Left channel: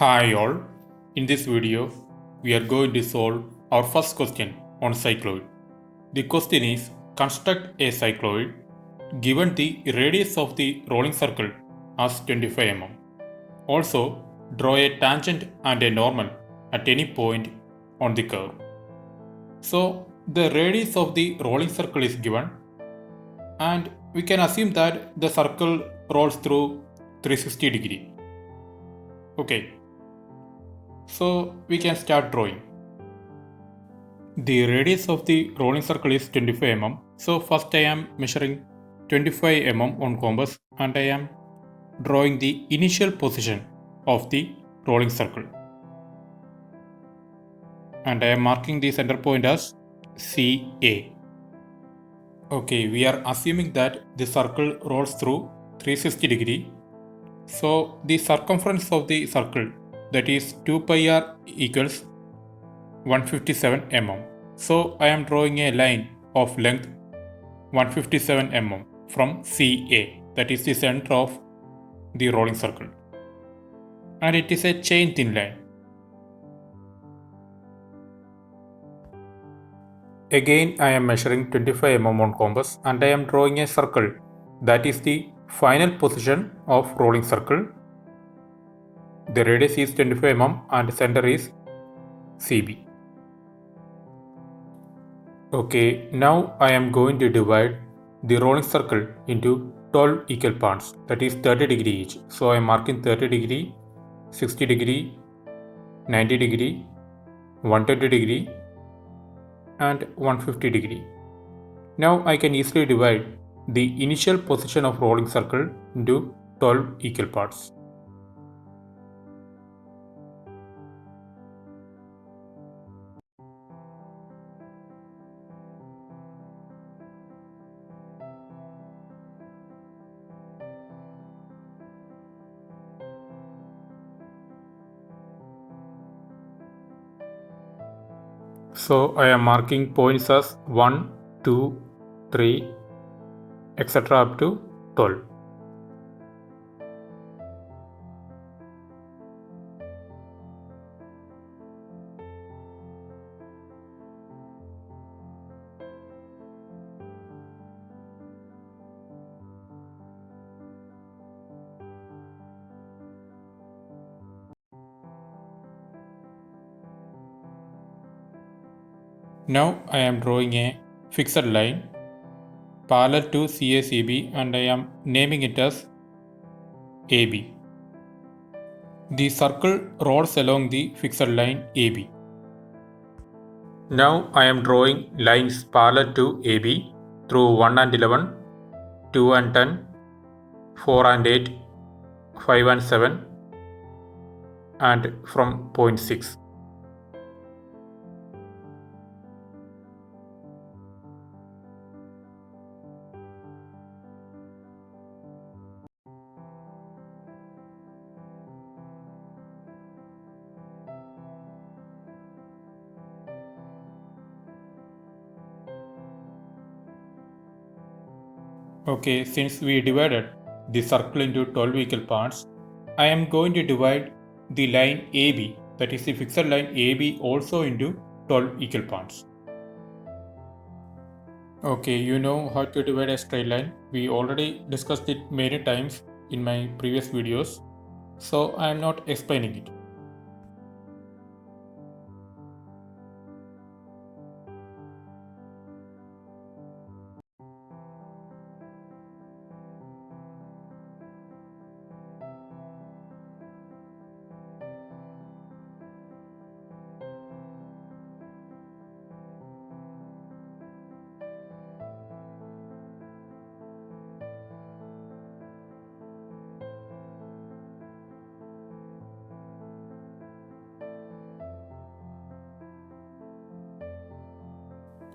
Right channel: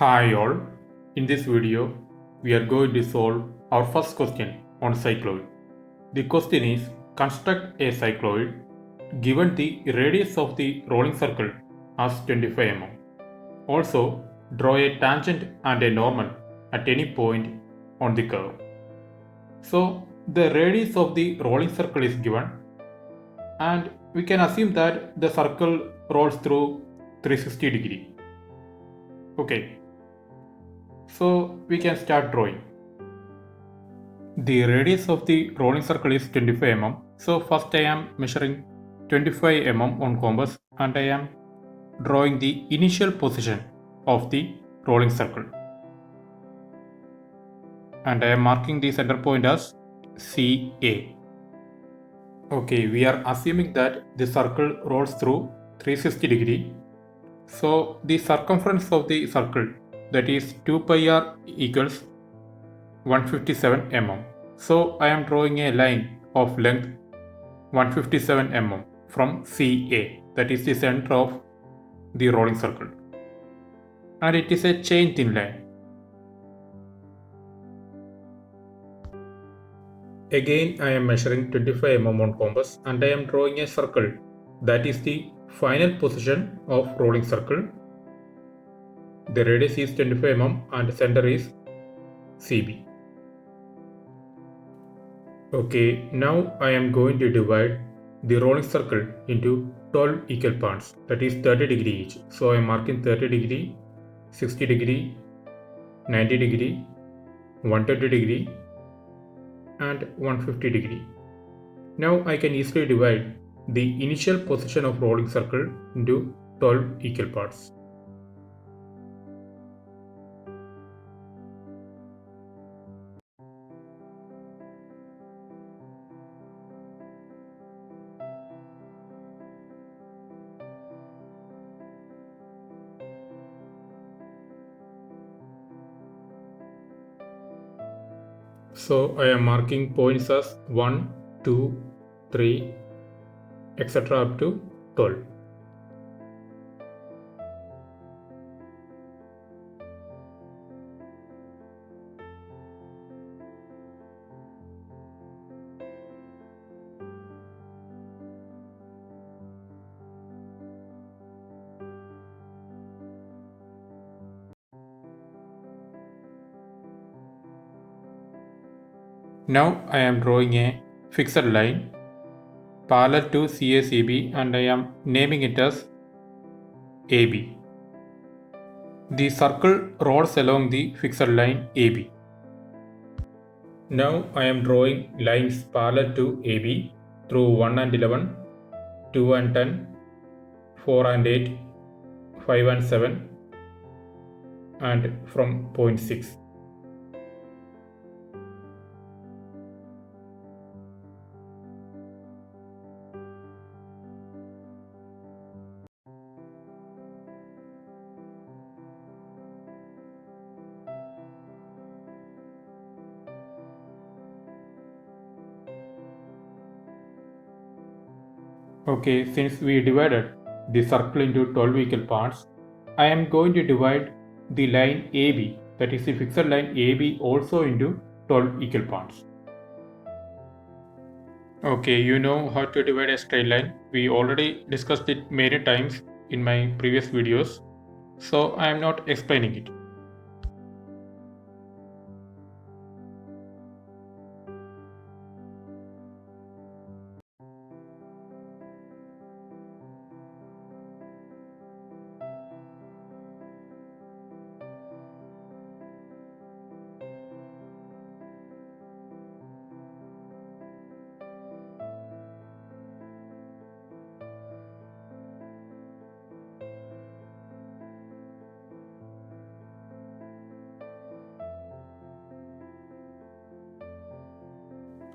Hi all, in this video we are going to solve our first question on cycloid. The question is construct a cycloid given the radius of the rolling circle as 25 mm. Also draw a tangent and a normal at any point on the curve. So the radius of the rolling circle is given and we can assume that the circle rolls through 360 degree. Okay, so we can start drawing. The radius of the rolling circle is 25 mm. So first I am measuring 25 mm on compass and I am drawing the initial position of the rolling circle. And I am marking the center point as CA. Okay, we are assuming that the circle rolls through 360 degree. So the circumference of the circle, that is 2 pi r equals 157 mm. So I am drawing a line of length 157 mm from CA, that is the center of the rolling circle, and it is a chain thin line. Again I am measuring 25 mm on compass and I am drawing a circle, that is the final position of rolling circle. The radius is 25 mm and center is CB. Okay, now I am going to divide the rolling circle into 12 equal parts, that is 30 degree each. So I am marking 30 degree, 60 degree, 90 degree, 120 degree and 150 degree. Now I can easily divide the initial position of rolling circle into 12 equal parts. So I am marking points as 1, 2, 3, etc. up to 12. Now I am drawing a fixed line parallel to CACB and I am naming it as AB. The circle rolls along the fixed line AB. Now I am drawing lines parallel to AB through 1 and 11, 2 and 10, 4 and 8, 5 and 7 and from point 6. Okay, since we divided the circle into 12 equal parts, I am going to divide the line AB, that is the fixed line AB, also into 12 equal parts. Okay, you know how to divide a straight line. We already discussed it many times in my previous videos, so I am not explaining it.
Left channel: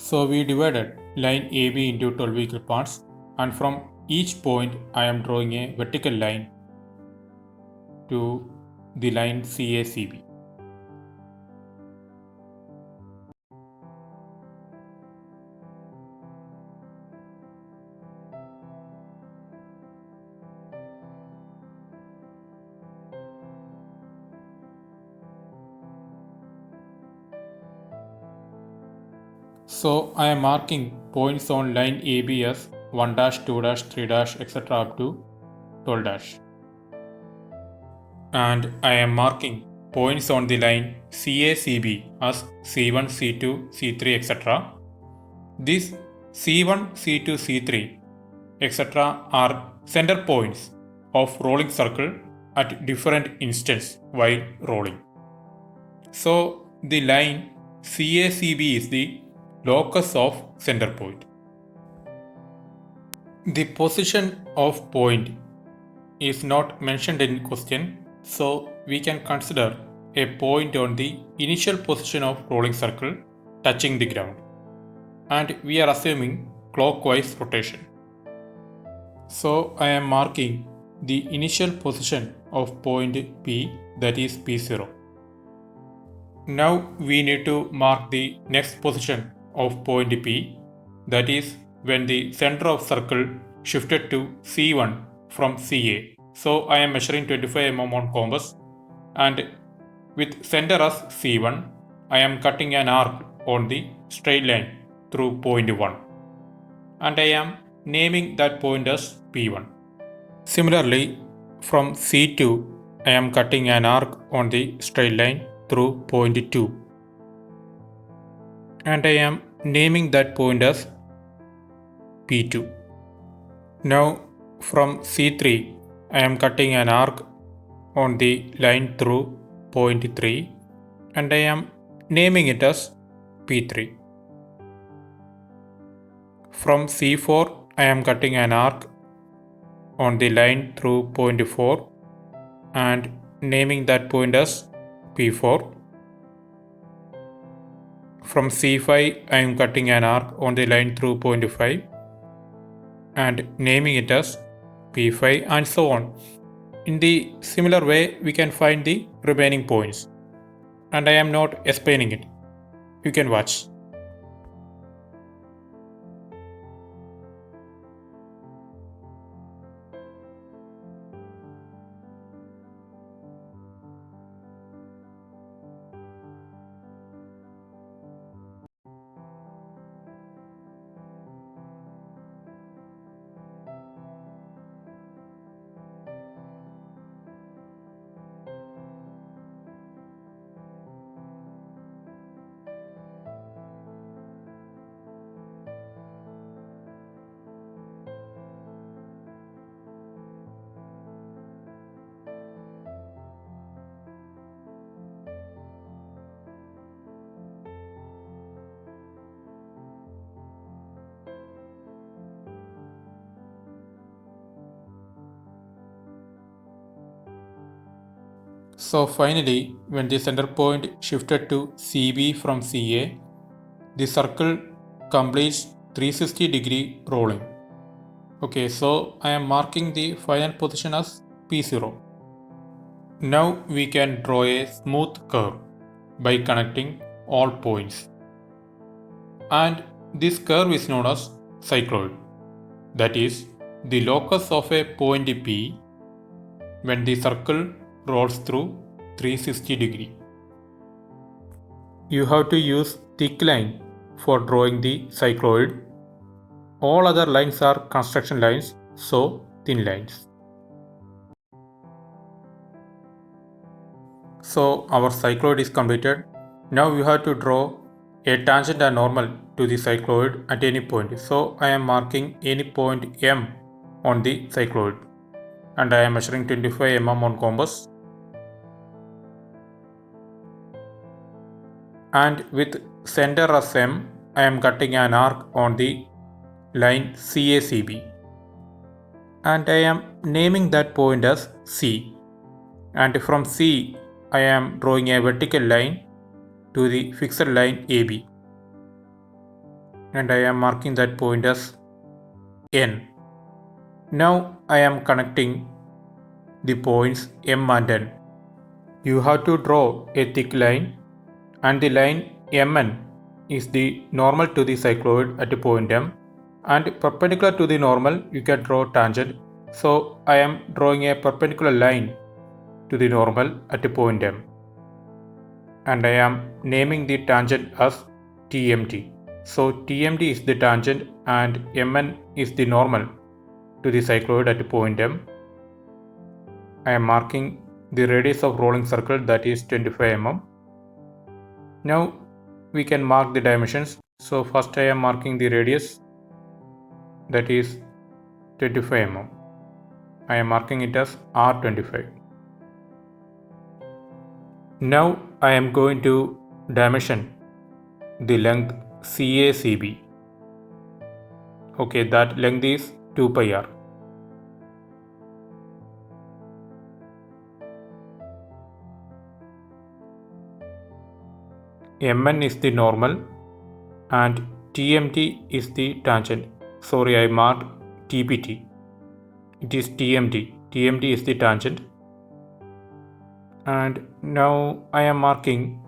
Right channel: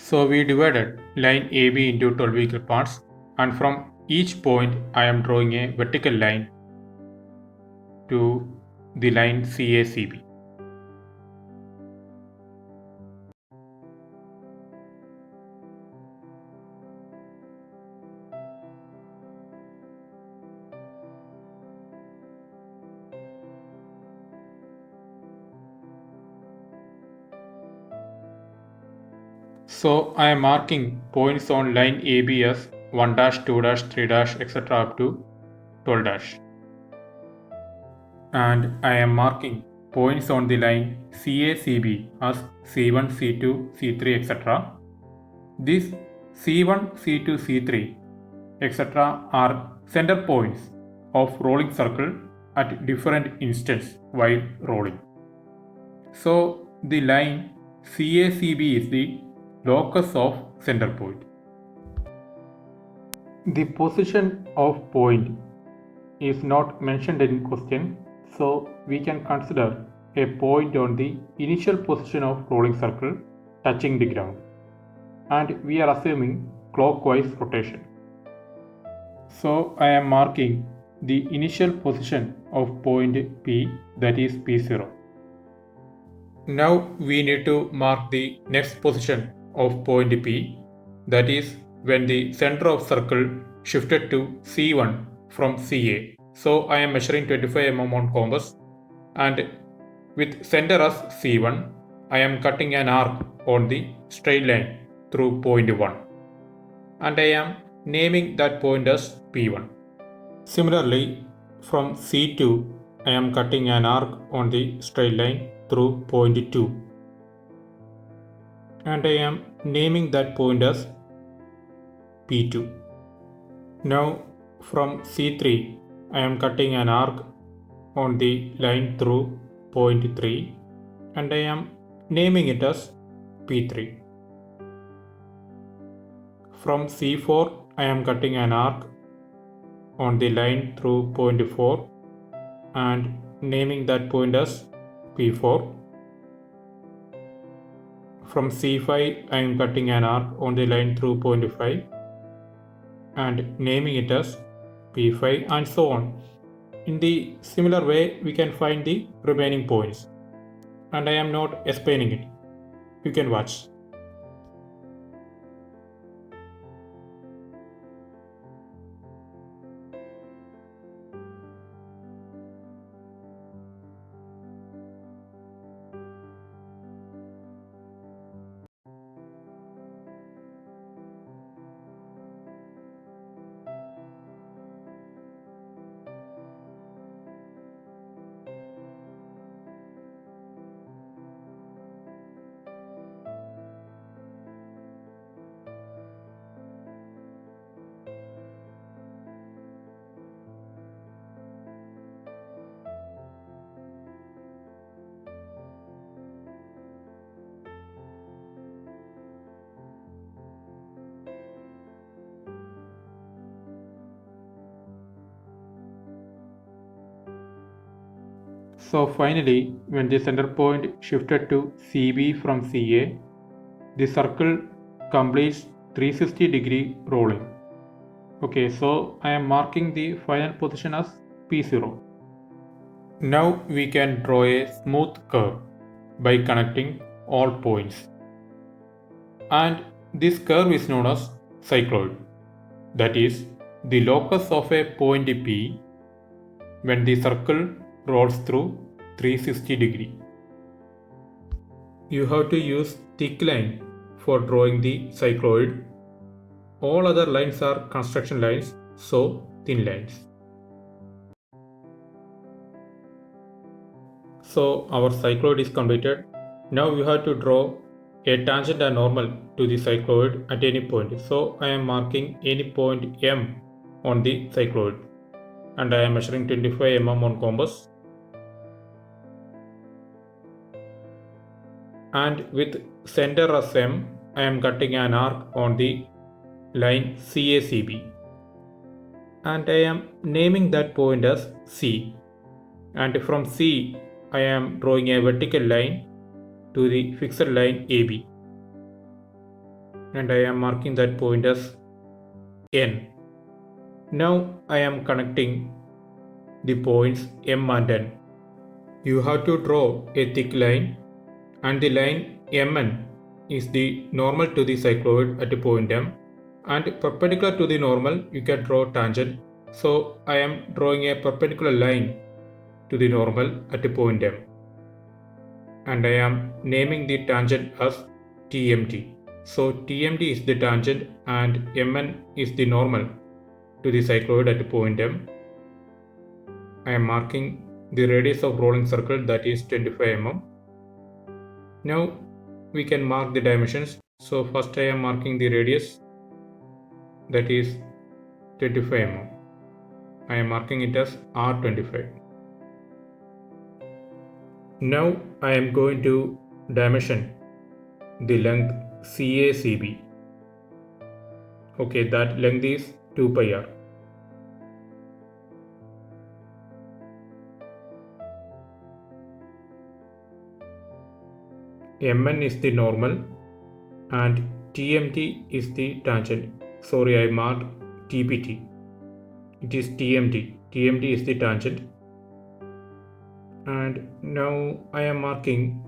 So we divided line AB into 12 equal parts, and from each point I am drawing a vertical line to the line CACB. So I am marking points on line AB as 1 dash, 2 dash, 3 dash, etc. up to 12 dash. And I am marking points on the line CACB as C1, C2, C3, etc. These C1, C2, C3, etc. are center points of rolling circle at different instants while rolling. So the line CACB is the locus of center point. The position of point is not mentioned in question, so we can consider a point on the initial position of rolling circle touching the ground, and we are assuming clockwise rotation. So I am marking the initial position of point P, that is P0. Now we need to mark the next position of point P, that is when the center of circle shifted to C1 from CA. So I am measuring 25 mm on compass, and with center as C1, I am cutting an arc on the straight line through point 1, and I am naming that point as P1. Similarly, from C2, I am cutting an arc on the straight line through point 2, and I am naming that point as P2. Now from C3, I am cutting an arc on the line through point 3, and I am naming it as P3. From C4, I am cutting an arc on the line through point 4 and naming that point as P4. From C5, I am cutting an arc on the line through point 5 and naming it as P5, and so on. In the similar way, we can find the remaining points, and I am not explaining it. You can watch. So finally, when the center point shifted to CB from CA, the circle completes 360-degree rolling. Okay, so I am marking the final position as P0. Now we can draw a smooth curve by connecting all points. And this curve is known as cycloid. That is the locus of a point P when the circle rolls through 360 degree. You have to use thick line for drawing the cycloid. All other lines are construction lines, so thin lines. So our cycloid is completed. Now you have to draw a tangent and normal to the cycloid at any point. So I am marking any point M on the cycloid, and I am measuring 25 mm on compass. And with center as M, I am cutting an arc on the line CACB, and I am naming that point as C, and from C I am drawing a vertical line to the fixed line AB, and I am marking that point as N. Now I am connecting the points M and N. You have to draw a thick line, and the line MN is the normal to the cycloid at point M, and perpendicular to the normal you can draw tangent. So I am drawing a perpendicular line to the normal at point M, and I am naming the tangent as TMT. So TMD is the tangent and Mn is the normal to the cycloid at point M. I am marking the radius of rolling circle, that is 25 mm. Now we can mark the dimensions. So first I am marking the radius, that is 25 mm. I am marking it as R25. Now I am going to dimension the length CACB. Okay, that length is 2 pi r. Mn is the normal and TMT is the tangent. Sorry, I marked TPT. It is TMT. TMT is the tangent. And now I am marking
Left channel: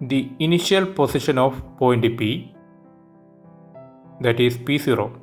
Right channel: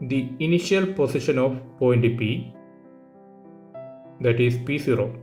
the initial position of point P, that is P0.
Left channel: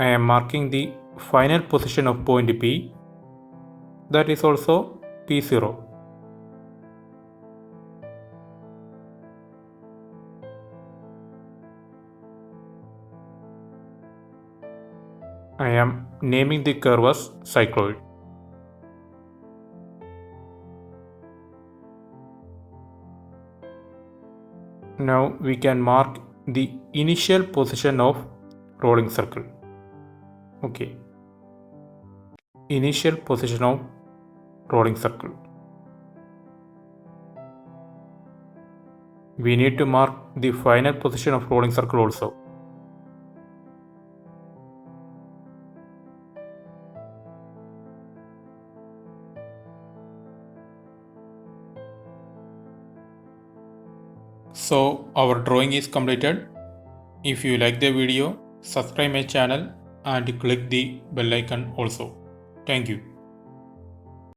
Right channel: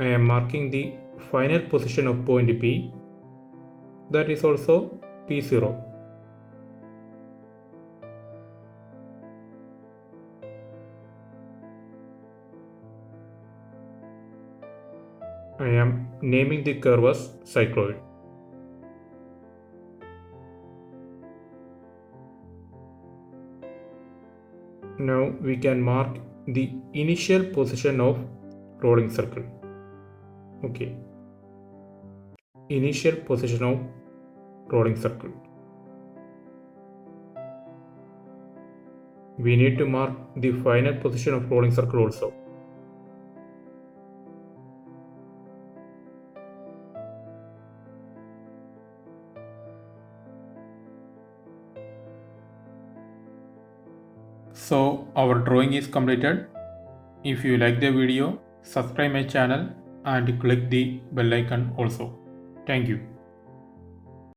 I am marking the final position of point P, that is also P0. I am naming the curve as cycloid. Now we can mark the initial position of rolling circle. Okay. Initial position of rolling circle. We need to mark the final position of rolling circle also. So our drawing is completed. If you like the video, subscribe my channel and click the bell icon also. Thank you.